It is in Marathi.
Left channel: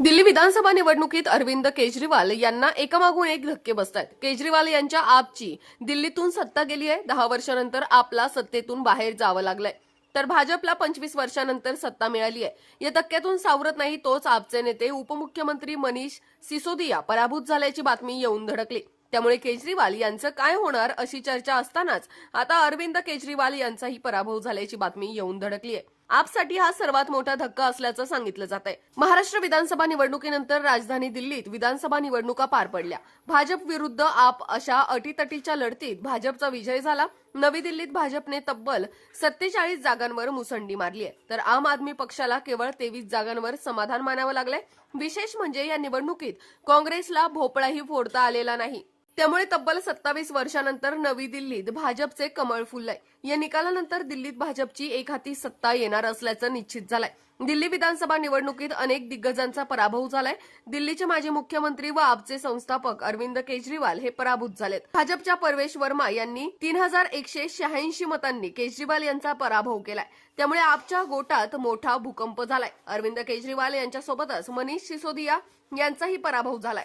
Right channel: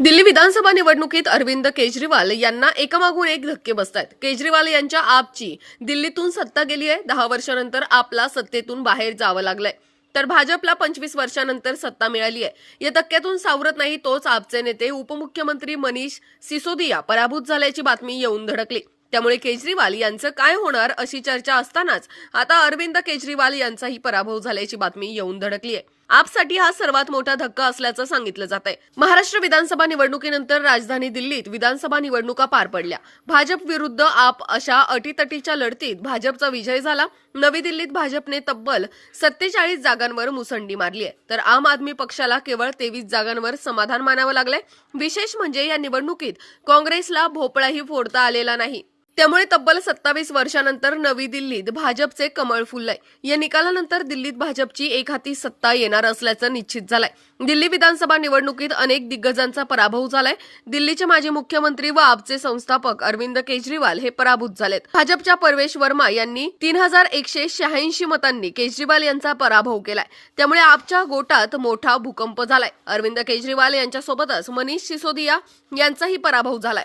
दिल्ली विधानसभा निवडणुकीत अरविंद केजरीवाल यांना एकामागून एक धक्के बसत आहेत केजरीवाल यांच्या आपची दिल्लीतून सत्ता गेली आहे. दहा वर्षानंतर आपला सत्तेतून बाहेर जावं लागलंय. तर भाजपला पंचवीस वर्षानंतर सत्ता मिळाली आहे. या धक्क्यातून सावरत नाही तोच आपचे नेते उपमुख्यमंत्री मनीष सिसोदिया पराभूत झाल्याची बातमी येऊन धडकली. त्यामुळे केजरीवाल यांचं काय होणार अशी चर्चा असतानाच आता अरविंद केजरीवाल यांचाही पराभव झाल्याची बातमी येऊन धडकली आहे. आपसाठी हा सर्वात मोठा धक्का असल्याचं सांगितलं जात आहे महाराष्ट्र विधानसभा निवडणुकीनंतर राजधानी दिल्लीत विधानसभा निवडणुका पार पडल्या. भाजप विरुद्ध आप अशा अटीतटीच्या लढतीत भाजपचा विजय झाला. नवी दिल्लीत भाजपने तब्बल सत्तेचाळीस जागांवर मुसंडी मारली आहे. तर आम आदमी पक्षाला केवळ तेवीस जागांवर समाधान मानावं लागलंय. विशेष म्हणजे या निवडणुकीत काँग्रेसला भोपळाही फोडता आलेला नाही. त्यामुळे तब्बल सत्तावीस वर्षानंतर नवी दिल्लीत भाजपचे कमळ फुललंय. या निकालानंतर दिल्लीत भाजपची एक हाती सत्ता येणार असल्याचं निश्चित झालंय. दिल्ली विधानसभा निवडणुकीत अनेक दिग्गजांचा पराभव झालाय. दिल्लीचे माजी मुख्यमंत्री व आपचे संस्थापक अरविंद केजरीवाल हे पराभूत झालेत. भाजपच्या परवेश वर्मा यांनी तीन हजार एकशे शहाऐंशी मतांनी केजरीवाल यांचा पराभव केलाय. त्यामुळे आपच्या गोटात मोठा भूकंप झालाय. अरविंद केजरीवाल यांच्यासोबतच मनीष सिसोदिया यांचाही पराभव झालाय.